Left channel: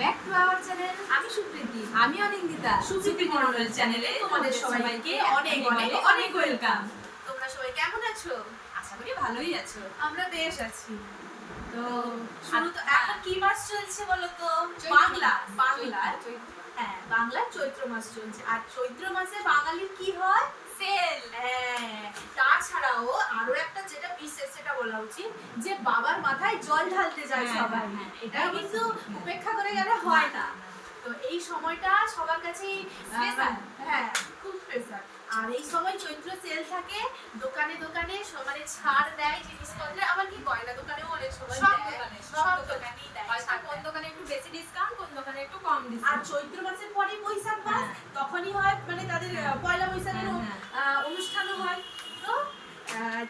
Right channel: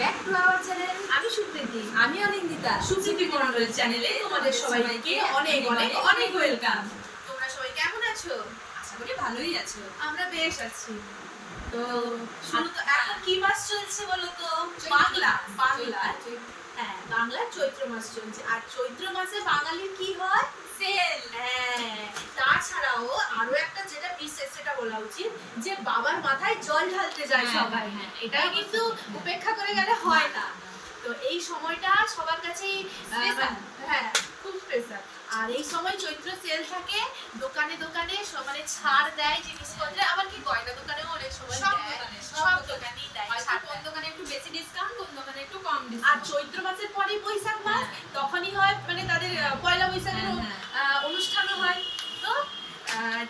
Back to our channel আমি সুপ্রীতি আমি অনিন্দিতা। সুপ্রীতি মন্ডল চ্যানেলে তোমাদের সবাইকে অনেক অনেক অনেক ওয়েলকাম তোমরা সবাই কেমন আছো? আশা করি ভালোই আছো। আমরা বেশ আছি। তো শুরু তো। এখন কি মাস চলছে বলো তো বাংলা। বাংলার হ্যাঁ বাংলার চৈত্র মাস চলছে। আর চৈত্র মাসে বাঙালির কি হয়? সেল হ্যাঁ। তাছাড়াও আরও একটা যেটা বিশেষ সেটা বলা উচিত যে বাবার মাথায় জল ঢালতে যায় হ্যাঁ, সবাই। হ্যাঁ, এটা কিন্তু উপেক্ষা করে গেলে হয় না। তো এই সময়টা সবার কাছেই হ্যাঁ খুব স্পেশাল আর এই সময় চৈত্র সেল থাকে দোকানে দোকানে মানে ছাড় দেয় জিনিসপত্রে আবার কি গয়না দোকানেও অনেক সময় সব দোকানে, সব সব দোকানে। দোকানেই দেয় কোন দোকানে একটু বেশি ডিসকাউন্ট কোন দোকানে একটু কম আর চৈত্র মাসের পরে বৈশাখ মাস হ্যাঁ। তখনই হয় মানে তাদের পয়লা বৈশাখের হ্যাঁ, হ্যাঁ। অনুষ্ঠানও হয় তো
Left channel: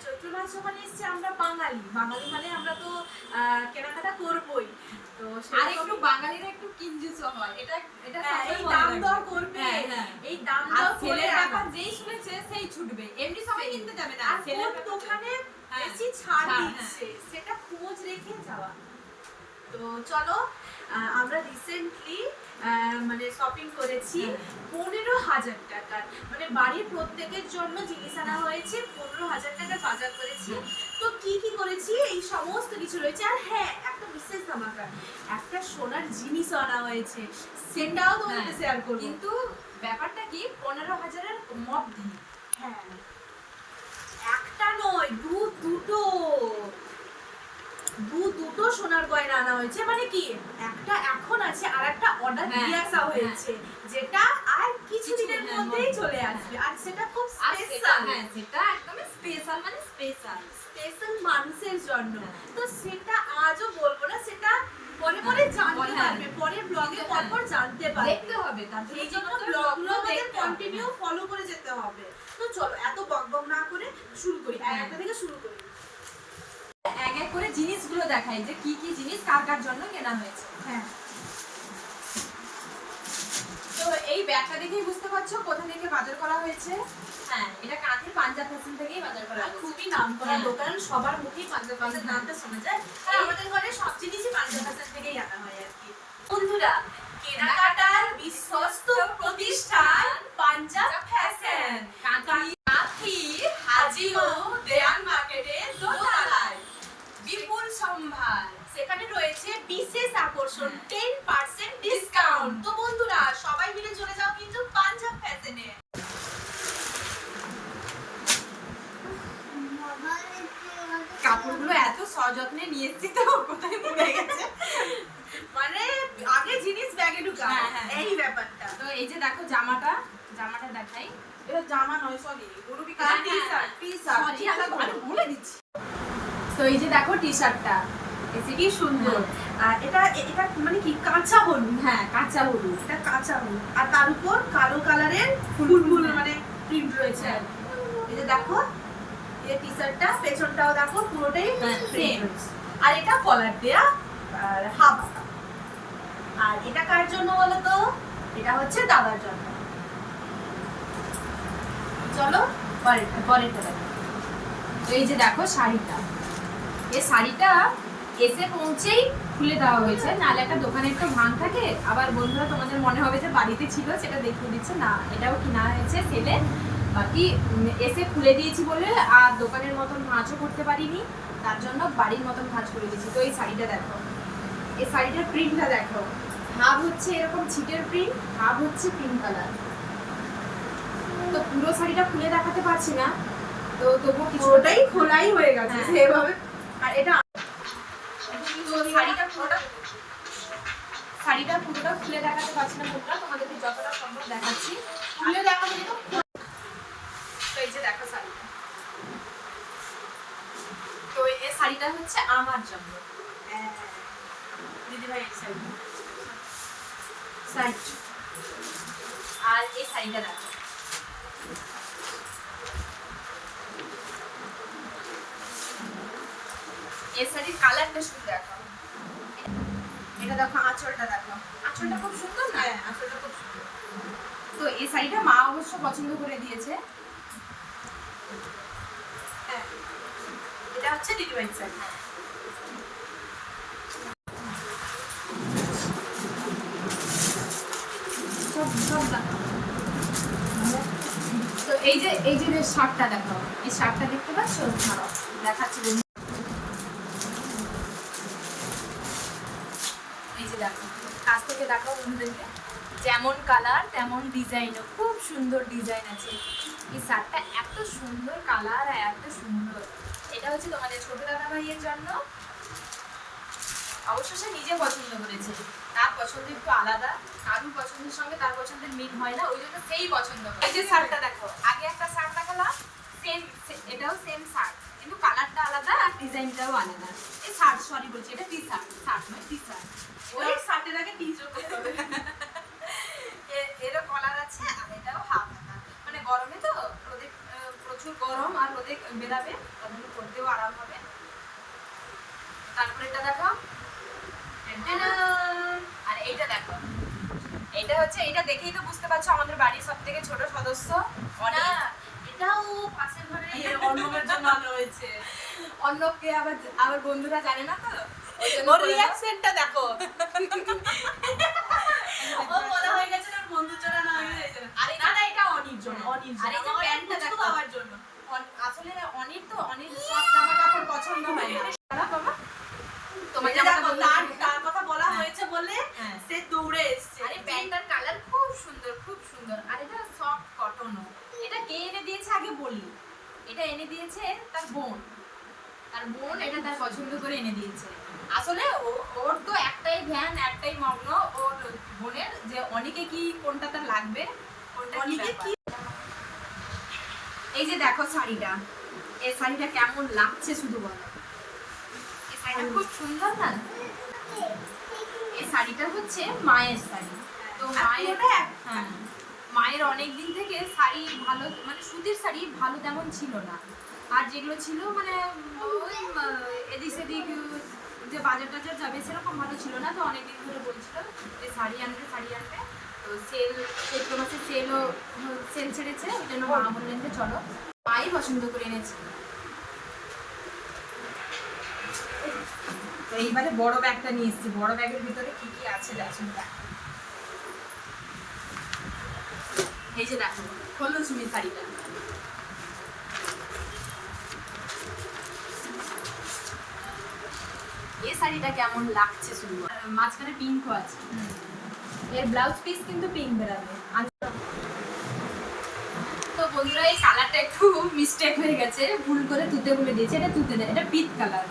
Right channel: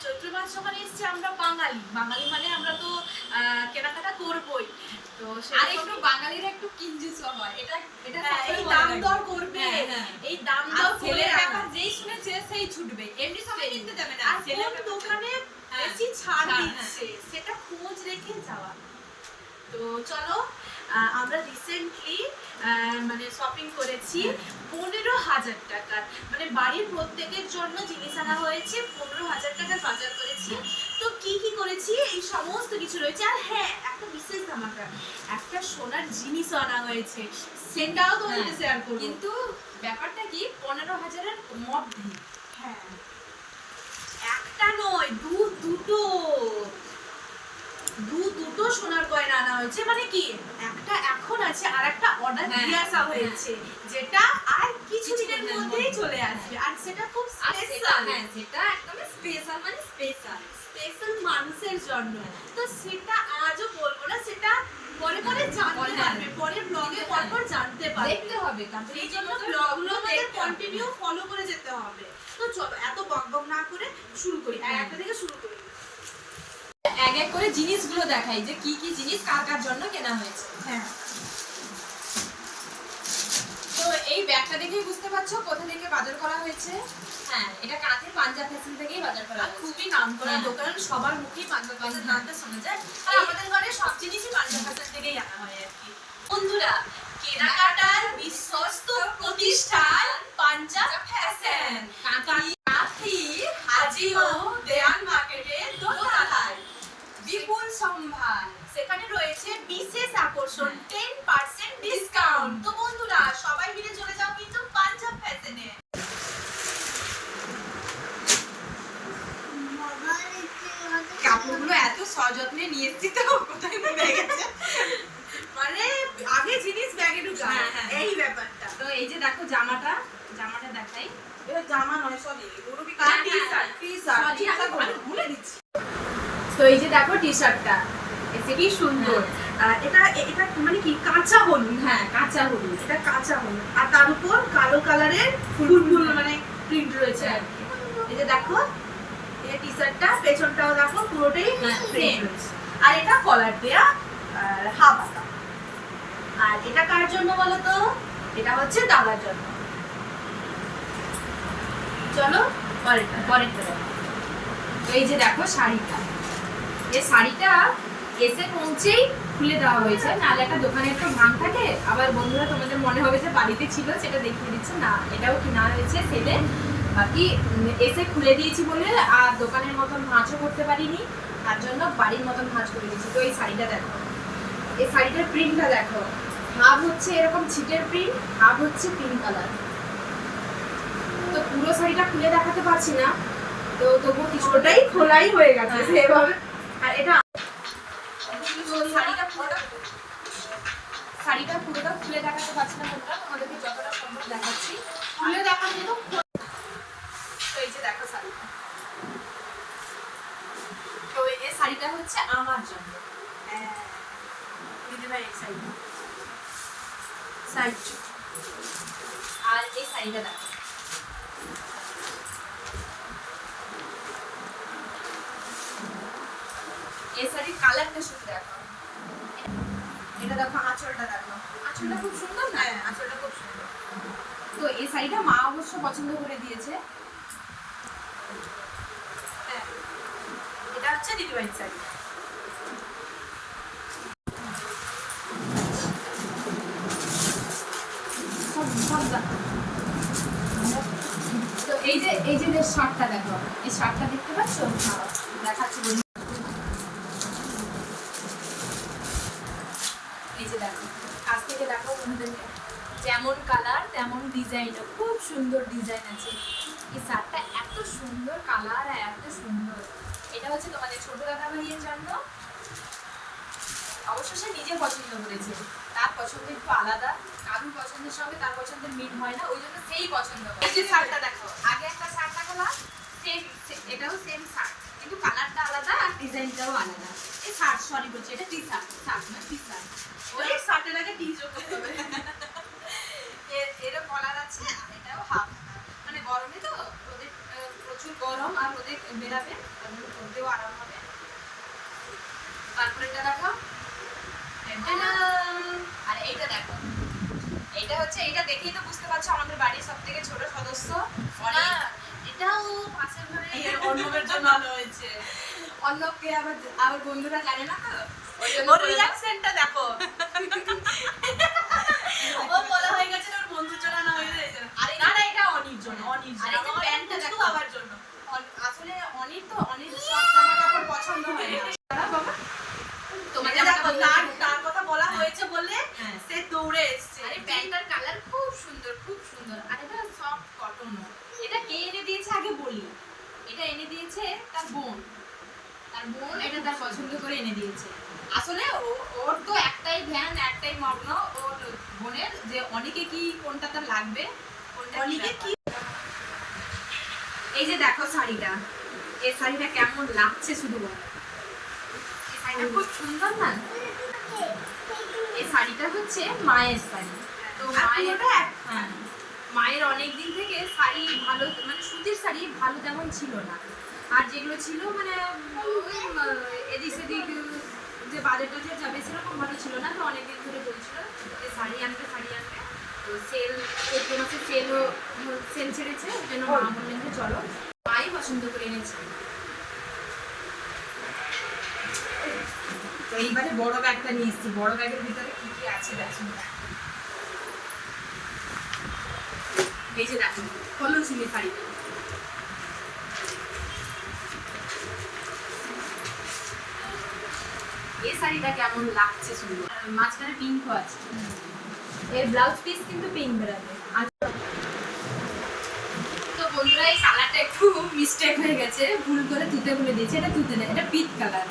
চৈত্র মাস যখন এসছে আমরা বাঙালি। বাঙালি মানে আমরা তো কেনাকাটা করবই। তো আর একটু বাঙালিরা একটু কিঞ্জুসও হয়। এটা এটা হ্যাঁ, সবাই এই দাম দর করবে। হ্যাঁ, হ্যাঁ। এই দাম দর করে ব্যাপার যেই শুনেছে সেই ছুটবে। এমনি সবাই কিনতে যাবে না। আর দোকানে হ্যাঁ, বেশি ছাড় হ্যাঁ। দিচ্ছে? সেটা খোঁজ রেখে যাওয়া। তো চলো আমরা রিসেন্টলি মানে শপিং করেছি। পনেরো হাজার টাকার। মানে বাড়ির প্রত্যেকের জন্য জিনিস আনা হয়েছে পনেরো হাজার টাকার বাজার করেছি। তো কি কি করেছি? এই সমস্ত কিছু রয়েছে। আর হ্যাঁ একটা বিশেষ ধামাকা একটা সোনার জিনিস আনা হয়েছে। সেটাও তোমাদের হ্যাঁ, শেয়ার করব। কিন্তু ব্যাপারটা কি? পনেরো হাজারের মধ্যে। হ্যাঁ। একটা নয় দু দুটো। দু দুটো সোনার গয়না আনা হয়েছে মানে কি? একটা এখন আছে আর একটা অর্ডার হ্যাঁ, দিয়ে আসা হয়েছে যেটা আর কিছুদিনের মধ্যেই চলে আসবে। আর সেটা খুব স্পেশাল হ্যাঁ সেটা একদম স্পেশাল মানে স্পেশাল স্পেশাল মানুষের জন্য। হ্যাঁ। তো সেটা আজও বলব না সেটা পরে পরে জানতে পারবে হ্যাঁ। পরে ব্লগে হ্যাঁ। পর পর জানতে পারবে। দেখতে হবে এই জন্য ব্লগগুলো আমাদের কন্টিনিউ ফলো করে যেতে হবে। তো চলো এত বকবক না করে শুরু করি। আর হ্যাঁ। একটা থেকে শুরু করি। এক এক করে জিনিসগুলো দেখাই যে কি কি জিনিস কার কার জন্য কেনা হয়েছে। হ্যাঁ। তো এই ব্যাগটা দেখেই বুঝতে পারছ কোথা থেকে বাজার করা হয়েছে। হ্যাঁ এটা কাঁথের পাঞ্জাব ফ্যাশন থেকেই বাজার করা খুবই নাম করা হ্যাঁ। দোকান সবার মুখেই পাঞ্জাব হ্যাঁ। নামটা শোনা যায়। আর আমাদের ঘরে সব জিনিসই পাঞ্জাব ফ্যাশন থেকেই আনা হয় আর কি। বন্ধুরা কেনাকাটার বিশ্বস্ত প্রতিষ্ঠান পাঞ্জাব ফ্যাশন। কাঁথি কাঁথি হাজি ও দেয়ান সম্ভার সেখানে রয়েছে বিশেষ আকর্ষণ টেন পার্সেন্ট ডিসকাউন্ট তো বন্ধুরা সবাই মিলে চলে যাও কিন্তু পাঞ্জাব ফ্যাশনে কাপড়গুলো এত সযত্নে নিয়ে এসেছি তো কোথায় পড়ে গেছে। মানে আগে জিনিস ব্যাগে ঢুকা হ্যাঁ, হ্যাঁ। এই ব্যাপারটা। তো এই যে দেখো জামাটা জামাটা দেখাই। এটা জামা নয় সরি রুবি হ্যাঁ, T shirt T Sorry, shirt আমি- আমি ভুলে দিচ্ছি তো এই যে দেখো টি শার্টটা কি সুন্দর। আর এটা এটা মানে কি কাঁচা হলুদ। হ্যাঁ কাঁচা হলুদ। এটা কাঁচা হলুদ। আর তার উপর কালো কালারের ফুল ফুল মানে প্রিন্ট রয়েছে আর কি। এই যে দেখো এই টি শার্টটা পেছনটাও দেখো পুরোটাই হ্যাঁ, সেম print। আর এটা কলার দেয়া হাফ। আর এটা কার জন্য বলো তো এটা হচ্ছে দাদার জন্য। চলো পরেরটা পরেরটা এই যে দেখো শাড়িটা। এই শাড়িটা এসে পৌঁছেই খুলে দেওয়া হয়েছে। নাহলে একটা দোকানে একটু ভাঙ থাকে। আবার বন্ধুরা তোমাদের মনে হবে যে বাড়িতে ছিল সেটা দেখিয়ে দিচ্ছে। না এটাও কেনা হয়েছে সেলে। বাকি এসে খুলে দিয়েছি বলে আর দোকানের মতন ভাঁজও করতে পারিনি। তার জন্য বাড়ির মতন ভাঁজ করে দিয়েছি। তো এই শাড়িটা দেখো। এই শাড়িটার প্রিন্টটা দেখো। হাফ হচ্ছে এরকম ছিটের প্রিন্ট হাফ হচ্ছে পিঙ্ক কালার তো পুরো শাড়িটা খুলে দেখাতে পারছি না। তো তবু কিছু পুরোটাই খোলাই হয়ে গেছে। হ্যাঁ। সেভাবে আর এটা শাড়িটা পুরোটা শাড়িটা পুরোটা খুলে দেখাতে পারছি না তোমাদেরকে যতটা সম্ভব দেখাচ্ছি। খুলে দেখা কিন্তু এই যে দেখো শাড়িটা। তো এই শাড়িটা হচ্ছে আমার জন্য। দিদি ভাই এই সাইড সাইড আর এই শাড়িটা দেখো। শাড়ির কালারটা শুধু দেখো। এটা দেখো আঁচলটা দেখো। আঁচলটা খুব সুন্দর না? হ্যাঁ আঁচলটা খুব সুন্দর। তো এই শাড়িটা মা অবশ্য পছন্দ করে দিয়েছে। হ্যাঁ এটা হচ্ছে দিদি ভাইয়ের শাড়ি তো এই যে এই যে শার্টটা দেখো এই শার্টটা দেখতে পাচ্ছ? দাঁড়াও, দেখাচ্ছি বন্ধু এই যে দেখো কাছ থেকে দেখো বন্ধুদেরকে। যেমন কালার তেমন ডিজাইন খুব সুন্দর ডিজাইন আছে। এই শার্টটা এত সুন্দর কালার আর এত সুন্দর। এটা হচ্ছে তোমাদের ছোট দাদা ভাইয়ের জন্য। অবশ্য সে নিজে পছন্দ করেছে। তার পছন্দ একটু আলাদা কারুর পছন্দের সঙ্গে তার পছন্দের মিল হয় না ওই জন্য সেই পছন্দ করে। এই যে শার্টটা দেখো। আগে একটা শার্ট দেখালাম সেম এটাও সেম শার্ট কিন্তু কালারটা আলাদা আর ডিজাইনটাও আলাদা। এই শার্ট সরি বলছি এটা টি শার্ট শার্ট নয় টি শার্ট ওই শার্টের আগে টি যোগ করতে হবে। এরও কলার আছে আর এটাও হাফ মানে গরমে তো ওদের প্রচুর গরম আর ওদের বেরাবে তাদের আরাম হবে। তারপরে এটা দেখো। আর এইটা দেখো। এইটা হচ্ছে এটা দেখেই তো বুঝতে পারছ আমাদের বাড়ির সব থেকে ছোট সদস্য এটাও পাশের ঘরে। অন্যদের জন্য আলো হয়েছে। আবার আবার বন্ধুরা জানে না তো? ওর রিয়াকশনটা দেখো। ও বলা হয়ে গেছে ওর বন্ধুর জন্য না হয়ে গেছে আরে না না এটা অনির জন্য অনির আর যে প্যান্টটা দেখো। আমার জন্য। আসলে অনির তো অনির সব জামা কাপড় পছন্দ হয়। না বাবা। তোমার দেখো তার তার কথা বলা হ্যাঁ। হয়েছে বলে হ্যাঁ। সে দৌড়ে এসেছে। আরে প্যান্টটার কালার খুব সুন্দর খুব সুন্দর। আর এটা সফট কটন এটা কে এনে দিয়েছে আগে বলি? এটা এনে দিয়েছে তার বোন। তার বোন এটা তার পছন্দ করে এনে দিয়েছে। আসলে ওর তো একটাই ধ্যান একটাই মগ্ন। ওর বোনের যে অনেকে কি কোনটা তার লাগবে? অনেকে কি? এই যে দেখো শাড়িটা। এই শাড়িটা কেমন লাগছে শুধু বলো। শাড়িটা খুব সুন্দর না? এই শাড়িটা হচ্ছে মায়ের শাড়ি। তো মায়ের হ্যাঁ। মায়ের অনেক দিন থেকে শাড়ি ভালো মানে সুতির শাড়ি ভালো তেমন ছিল না। আর যেগুলো ছিল মানে এদিক সেদিক যে বাজেট টাজেট যাবে সেরকম ভালো ছিল না তো অনেকদিন ধরে বলছিল যে শাড়ি আনবে শাড়ি আনবে। তো সেল চৈত্র মাসে সেলও সেল ছেড়েছে ওই জন্য মা বললেন যে চলো। মাই পছন্দ করে এনেছে। তো এইবারে বড় ব্যাগটা নিয়ে এসেছি। বড় ব্যাগের ভিতরে কি কি আছে দেখুন। এই যে দেখুন হলো চুলি শাড়িটা। শাড়িটা কেমন লাগছে সুন্দর মাঝখানে পিঙ্কও আছে। এর ব্লাউজ পিস কিন্তু পিঙ্ক বেরাবে তো বন্ধুরা, এই একটু হয়ে গেছে। ভুল করে তুতে দিয়েছে। এটা তুতে না, এটা পিট কালার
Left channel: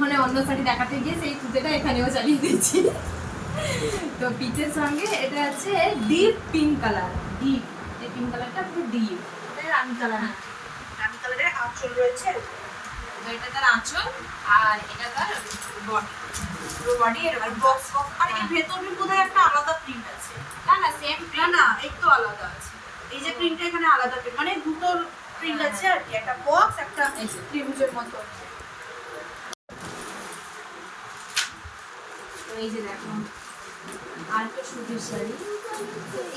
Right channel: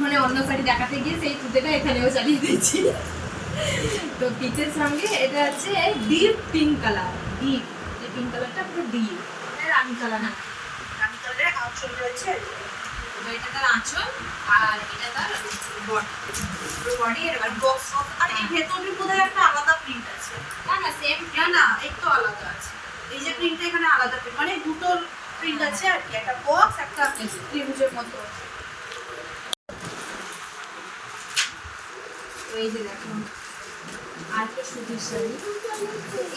মানে অন্য শাড়ি দেখাতে গিয়ে সেই তুতেটা এখানেও চালিয়ে দিয়েছি। তো পিচের সঙ্গে এটা হচ্ছে ডিপ পিঙ্ক কালার ডিপ এই পিঙ্ক কালারটা পুরো ডিপ এটা রানি কালার না রানী কালারের আঁচল রয়েছে। এটা তার আঁচল আর এটা তার বডি বডি বোধহয় একটা আলাদা প্রিন্ট আছে। না না সেম না না একটু আলাদা আছে। এই যে প্রিন্টটা এখানে আলাদা print, মানে দুটোর প্রিন্ট আছে আর কি। একটা বক্স একটা। ত্রিভুজের মতো তো এই যে দেখুন আর একটা সুতির শাড়ি।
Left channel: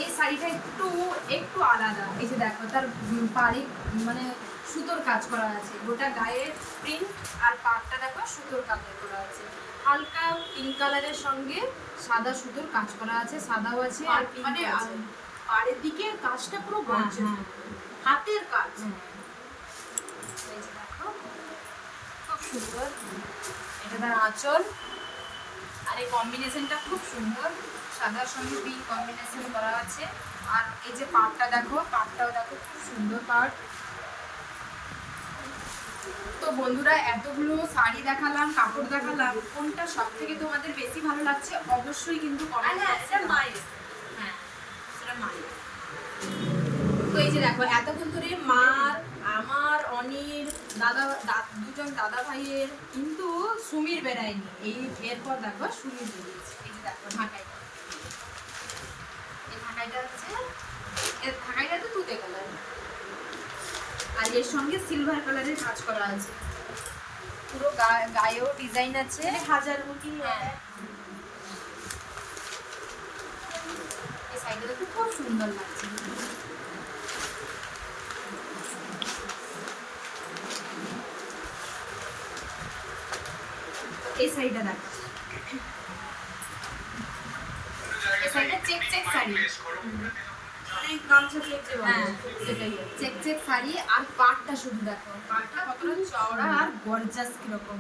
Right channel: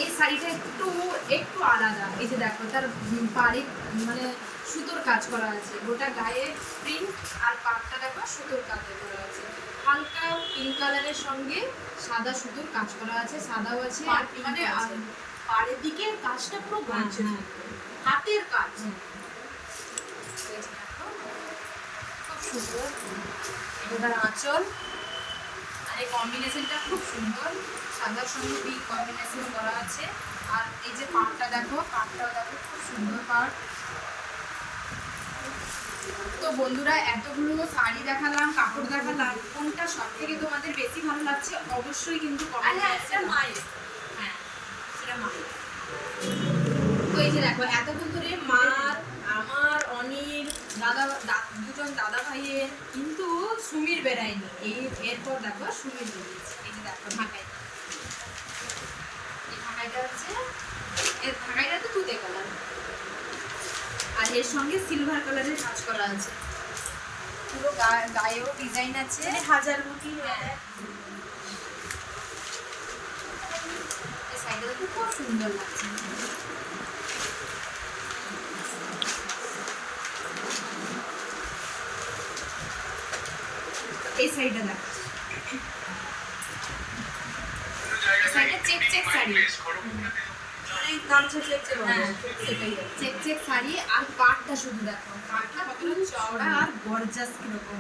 এই শাড়িটা একটু একটু আলাদা। এই যে দেখো তার পাড়ে মানে সুতোর কাজ করা আছে গোটা গায়ে প্রিন্ট আর পাড়টা দেখো সুতোর কাজ করা আছে হালকা পিঙ্ক কালারের সঙ্গে সাদা সুতোর কাজ করা আছে সাদাও আছে আর মানে পাড়ের দিকে কাজটা পুরো গঞ্জে হ্যাঁ, হাতের কাজ। দেখো খুব সুন্দর। এটা আঁচল। আর এই কম্বিনেশনটা খুব সুন্দর। সাদার সঙ্গে পিঙ্ক কম্বিনেশন করা আছে। আর এই যে পাটটা দেখো পাটটাও দেখো খুব সুন্দর পাট। তো বন্ধুরা এতগুলো শাড়ি দেখালাম কাপড় দেখালাম কোনটা সব থেকে তোমাদের বেশি ভালো লাগছে অবশ্যই কিন্তু। মায়ের। হ্যাঁ সেটা মায়ের। তো এই যে দেখো এতক্ষণ ধরে মার আমার অনিল দাদা দুজন দাদা ভাইয়ের কিন্তু সুমির বেড়ায়নি। এই এরপর দেখো সুমির বেরিয়েছে এই যে দেখো ঢাকাইটা। এই ঢাকাইটা হচ্ছে ঢাকাইটা তো তুতে আর এর সঙ্গে সিলভার কালারের কাজ করা আছে। পুরো গায়েও ডিজাইন আছে। মানে হাজার মুখী হ্যাঁ। এই সাইডটা দেখতে খুব সুন্দর লাগছে। এই সাইডটা দেখ। সাইডটা check check sari. Check check. Check check sari আর পাটটা শুধু দেখো পাটটা কতটা চওড়া আর গর্জাস কীরকম।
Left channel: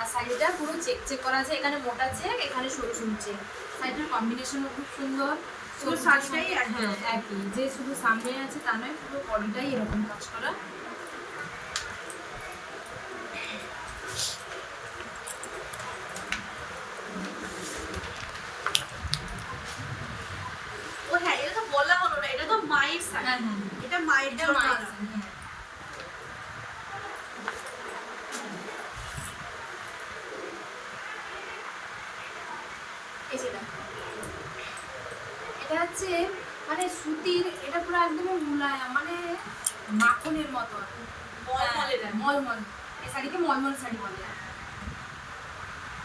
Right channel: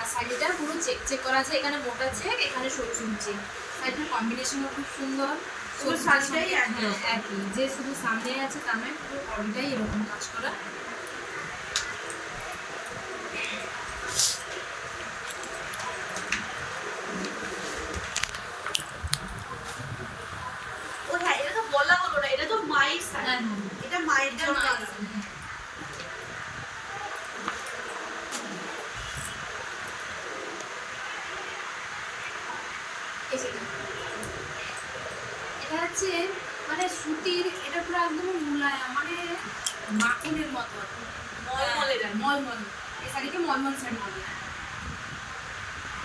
আর শাড়িটা পুরো চেক চেক করা আছে এখানে মোটা চেক এখানে সরু সরু চেক। শাড়িটার কম্বিনেশনও খুব সুন্দর। শাড়িটাই হ্যাঁ, একই। যে শুধু সামনে আছে তা নয় পুরো বডিটাই এরকম কাজ করা ও হ্যাঁ এটা তো বলা হলো না এটা তো মায়ের শাড়ি হ্যাঁ হ্যাঁ এটা মায়ের এটা জন্য মায়ের আলাদা। শাড়ি, হ্যাঁ। এই যে দেখো। এটা হচ্ছে মানে এটা পুরো একদম মুলায়ম মানে মাখনের মতন মলমলের মলমল। এই শাড়িকে মলমল শাড়ি বলে।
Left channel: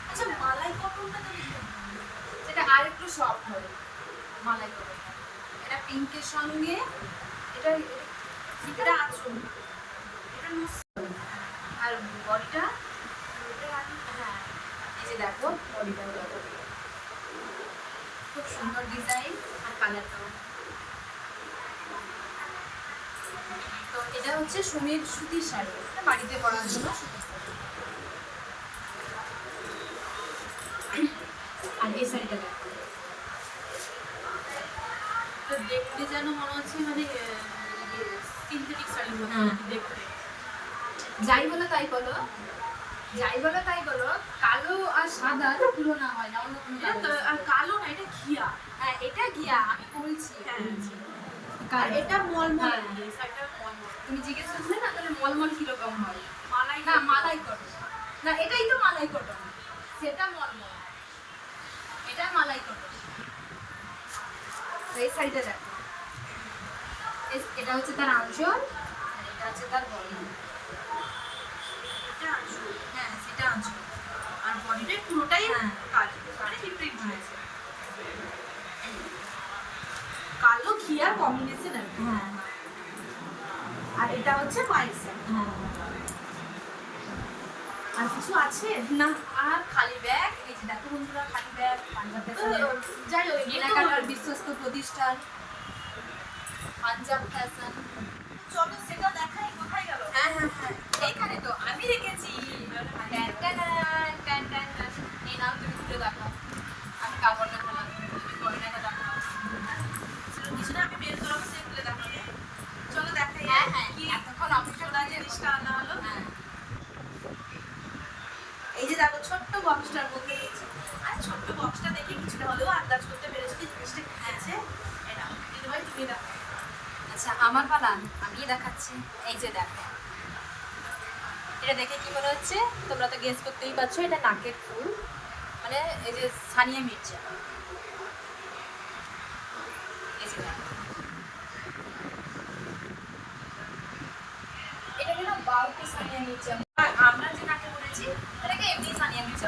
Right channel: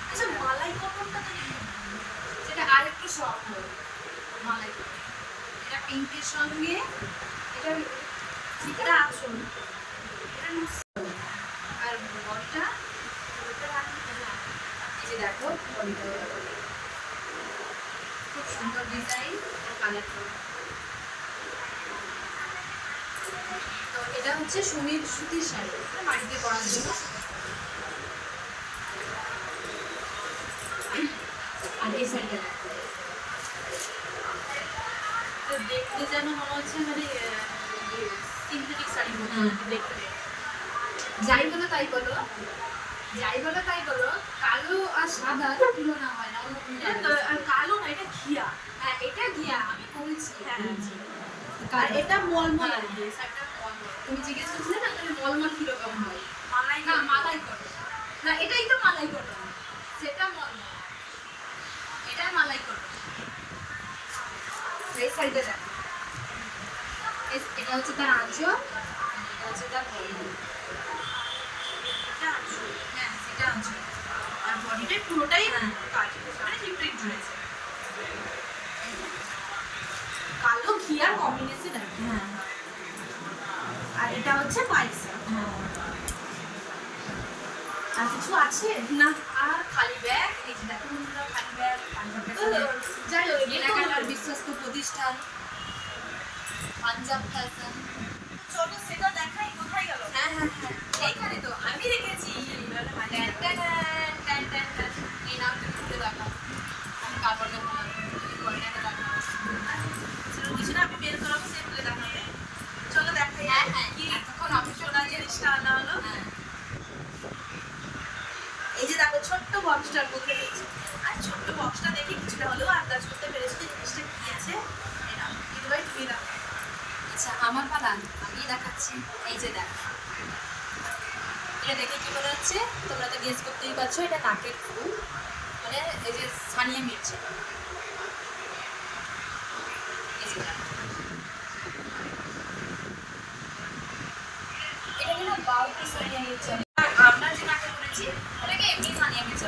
আচ্ছা মালাই কটনটা সেটা আর একটু সফট হয়। মালাই করে এটা পিঙ্কের সঙ্গে এটা এটা আঁচল এটা আর বডিটা হ্যাঁ এই যে দেখো বডিটা। খুব সুন্দর ডিজাইন আর কালার তো এটা হচ্ছে সুমির সুতির শাড়ি। বাড়িতে পরার জন্য আর এই শাড়িটা তো দেখতে যেন মনে হচ্ছে মানে সিনথেটিক শাড়ি মতো হ্যাঁ। দেখতে। যাই বলো তাই বলো। যাই বলো তাই বলো কালো আর সাদা তুলনা হয় না অন্য কোনো কালো না এটা ঘিয়া। হ্যাঁ এটা ঘিয়া আমি বলছি। হ্যাঁ। এটা মলমল হ্যাঁ। আর মলমল। তুমি জিজ্ঞেস করছিলে না মানে মলমল কীরকম হয়? মালাই না মালাই কটন। না এটাই তো মালাই কটন। সেটা মলমল। এটা মালাই কটন। এই শাড়িটা দেখো। এটা হচ্ছে তার আঁচল। এটা হচ্ছে তার বডি এটা আঁচল। হ্যাঁ সেটা আঁচল। আর বডিটাই পুরোটাই হ্যাঁ। কাজ মানে প্রিন্ট হয়েছে। কালো ঘিয়ার কম্বিনেশন আর। হ্যাঁ। আর এটা হচ্ছে সেট। হ্যাঁ। আর কিছু আছে? না। আর খালি ব্যাগ এই যে দেখো বন্ধুরা খালি ব্যাগ। পাঞ্জাব যাই হোক কেনাকাটার বিশ্বস্ত প্রতিষ্ঠান। পাঞ্জাব ফ্যাশন চলো সেটা দেখাই কোথায় গেল? হ্যাঁ হ্যাঁ হ্যাঁ। এইখানে তো আমি রেখেছি ছোট্ট বক্সটার মধ্যে রয়েছে। আর ছোট্ট বক্সটা দেখে কিছুটা হলেও আন্দাজ করতে পেরেছি যে জিনিসটা কি আছে। এটা দিদি তুমি আচ্ছা আমার পালা আমি দেখাচ্ছি। এই যে দেখো। এটা দেখে কি মনে হচ্ছে? তোমরা তো গেস করতেই পারছ, এটা নাকের ফুল। মানে এই যে সানিয়া মির্জা যে দেখো। বাউটি সানিয়া মির্জা আমরা যে নাকে করেছি এটাকে এমনি সানিয়া মির্জা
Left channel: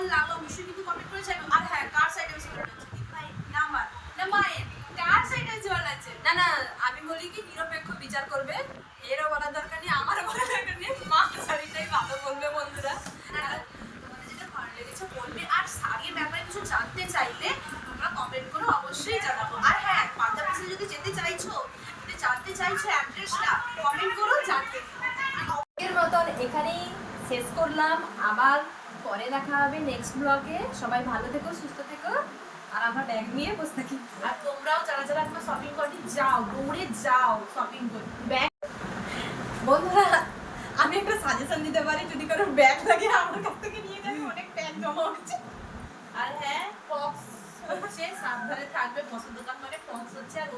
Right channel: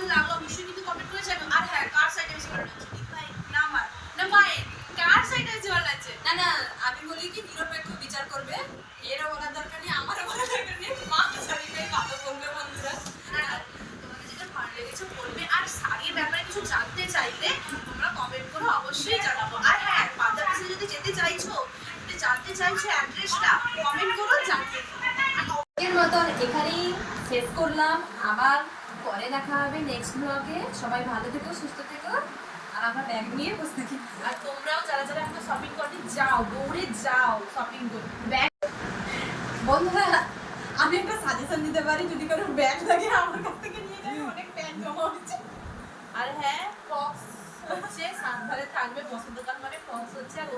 কেমন লাগল অবশ্যই কিন্তু কমেন্ট করে জানো আর হ্যাঁ কার সাইডে বেশি ভালো লাগছে দিদি ভাই না আমার না মায়ের কার সাইডে বেশি ভালো লাগছে না না আমি বলি কি নিরপেক্ষ বিচার করবে। এরও বলার দরকার নেই আমার বলার দরকার নেই। মা শাড়িটাই ভালো বলবে বন্ধুরা। তোমাদের যেটা ভালো লেগেছে বলবে আর শাড়ির ব্যাপারে কিছু জানতে চাইলে তোমরা কমেন্ট করে অবশ্যই জানাব। আর হ্যাঁ পাঞ্জাব যদি যেতে চাইছো যদি জানতে চাইছো অ্যাড্রেসটা কমেন্ট করো জানতে। আর মতন এখানেই শেষ করলাম। আবার পরে দেখা হবে নেক্সট ব্লগে সবাই ভালো থেকো সুস্থ থেকো। আর আবার ব্যাগ নিয়ে বসে থাকি। আর তোমরাও যারা যারা এখন শপিং করতে যাও দৌড়ে যাও শপিং করতে। ব্যাগ বন্ধুরা আমি একটা সাজেশন দিতে পারি যদি কারও ব্যাগ লাগে আমার কাছ থেকে নিয়ে যাবে অনেক ব্যাগ জমা হচ্ছে আর হ্যাঁ ফক্স হচ্ছে সাবধানে থাকবে বসন্তকাল মানে ফক্স হচ্ছে আর